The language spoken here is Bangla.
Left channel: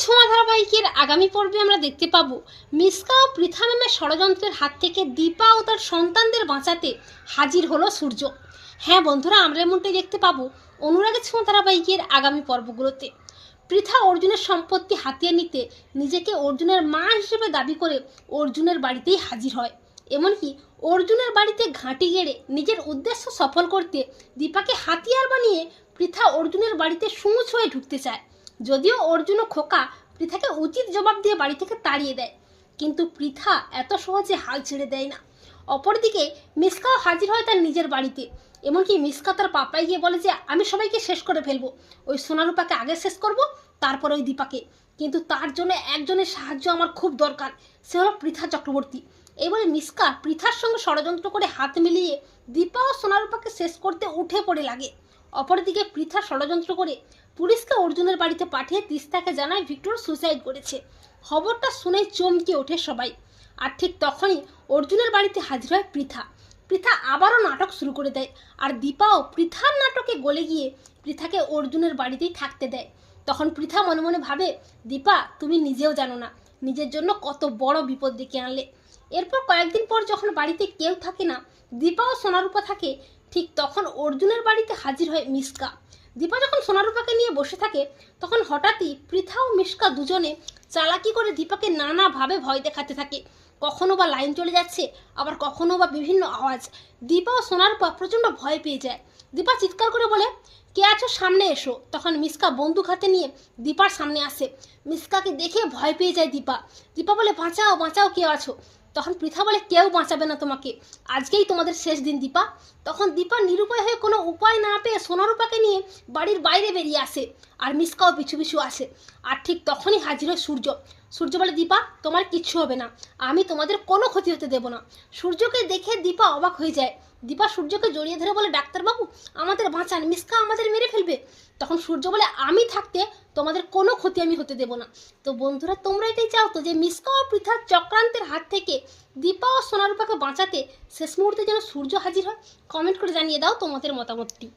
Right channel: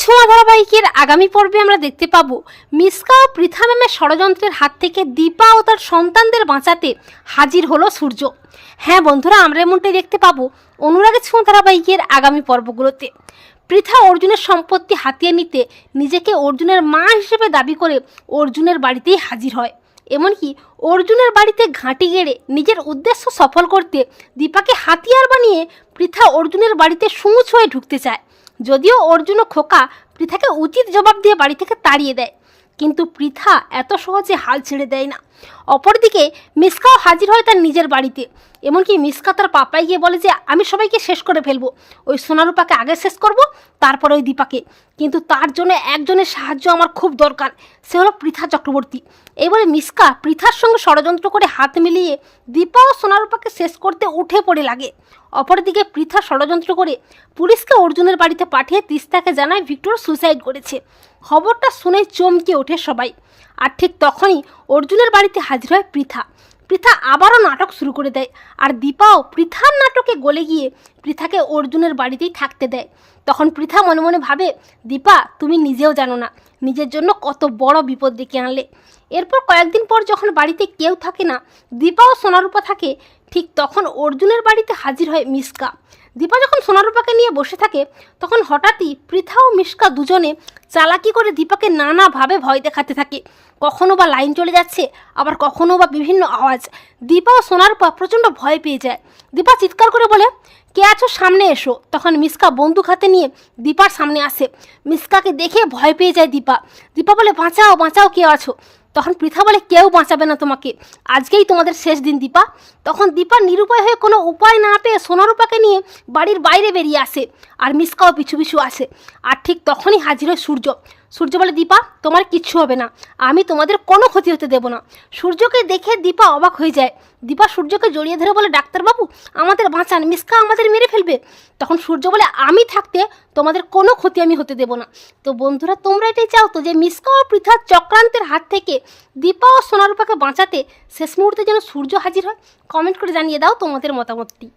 ছোঁয়া ধারাবাহিকের আগামী পর্বে আমরা দেখতে পাবো। মিসকা ও পৃথা ম্যামের ষড়যন্ত্রের হাত থেকে দীপা ও তার সন্তানদের বাঁচাতে হাজির হলো সূর্য। হ্যাঁ বন্ধুরা, আমরা এমনটাই দেখতে পাবো অনুরাগের ছোঁয়া ধারাবাহিকের আগামী পর্বগুলোতে। পৃথা অর্জুনের সম্পত্তি হাতিয়ে নিতে নিজেকে অর্জুনের মা হিসেবে দাবি করে অর্জুনের বাড়িতেই হাজির হয়। এমনকি অর্জুনের বাড়িতে ঘাঁটি গেড়ে নিজের উদ্দেশ্য সফল করতে দীপাকে হাতিয়ার বানিয়ে পৃথা অর্জুনের বাড়িতে সুঁচ হয়ে ঢুকতে চায়। যদিও অর্জুন ও খোকা, পৃথাকে উচিত জবাব দিয়ে বাড়ি থেকে তাড়িয়ে দেয়। কিন্তু পৃথা এত সহজে হাল ছেড়ে দেয় না। অপরদিকে মিসকাও হাজির হয় তার নিজের বাড়িতে। এমনকি মিসকা তার পাপাই গিয়ে বলে যে, আমি সবাইকে শেষ করে ফেলব। ওই সোনারূপাকে আগে শেষ করব, তারপর ওই দীপাকে। কিন্তু তার জন্য একজনের সাহায্য আমার খুব দরকার। সে হলো পৃথা চক্রবর্তী। এবারে মিসকা পৃথার সঙ্গে ষড়যন্ত্র করে হাত মিলিয়ে দীপা ও সোনারূপাকে শেষ করতে উঠে পড়ে লাগে। অপরদিকে পৃথা ষড়যন্ত্র করে পুলিশকে অর্জুনের বাড়িতে পাঠিয়ে তিস্তাকে জানায় ভিক্টর সুসাইড করেছে। খবরটা শুনে চমকে ওঠে সবাই। আর ঠিক তখনই অর্জুনের বাড়িতে হাজির হয় পৃথা। পৃথা আবারও নাটক শুরু করে দেয় আর দীপাও পৃথার নাটকে গলে গিয়ে পৃথাকে অর্জুনের বাড়িতেই থাকতে দেয়। তখন পৃথা মনে মনে ভাবে, দীপা, তুমি নিজেও জানো না, নিজের জন্য কত বড় বিপদ ডেকে আনলে। এরপর কয়েকদিন পর যখন বাড়িতে কেউ থাকে না দীপা ও সোনারূপা থাকে, ঠিক তখন অর্জুনের বাড়িতে হাজির হয় মিসকা। দীপা যখন সোনারূপাকে নিয়ে বসে থাকে, তখন হঠাৎই পৃথা ও মিসকা দুজনে চালাকি করে দীপাকে নানাভাবে ভয় দেখাতে থাকে। কখনো বা লাইন চলে যাচ্ছে, আবার কখনো বা বিভিন্ন আওয়াজ। দীপা ও সোনারূপা প্রচণ্ড ভয় পেয়ে যায়। দীপা চিৎকার করে বলে, কে আছো? সামনে এসো। তখন মিসকা বন্দুক হাতে নিয়ে দীপার সামনে আসে। মিসকাকে দেখে ভয় পেয়ে যায় দীপা। দীপা বলে, বাঁচাও বাঁচাও, কে আছো? তখন পৃথা বলে, কেউ বাঁচাবে না তোমাকে। আজকেই তোমাদের শেষ দিন, দীপা। তখন দীপা নিরুপায় হয়ে কোনো উপায় না পেয়ে সোনারূপাকে নিয়ে বাড়ির বাইরে বেরিয়ে আসে আর মিসকাও পিছু পিছু আসে। আর ঠিক তখনই হাজির হয় সূর্য। সূর্য বলে, দীপা, তোমার কিচ্ছু হবে না। আমি তোমাদের কোনো ক্ষতি হতে দেবো না। সূর্যকে দেখে দীপা অবাক হয়ে যায়। দীপা, সূর্যকে জড়িয়ে ধরে বলে ডাক্তারবাবু, আমাদের বাঁচান, মিসকা আমাদের মেরে ফেলবে। তখন সূর্য বলে, আমি থাকতে তোমাদের কোনো ক্ষতি আমি হতে দেবো না। তো বন্ধুরা, তোমরা এটাই চাও তো যে মিসকা ও পৃথা চক্রান্তের হাত থেকে দীপা ও সোনারূপাকে বাঁচাতে শেষ মুহূর্তে যেন সূর্য হাজির হয়? কমেন্ট করে জানিয়ে দাও তোমাদের মতামতটি।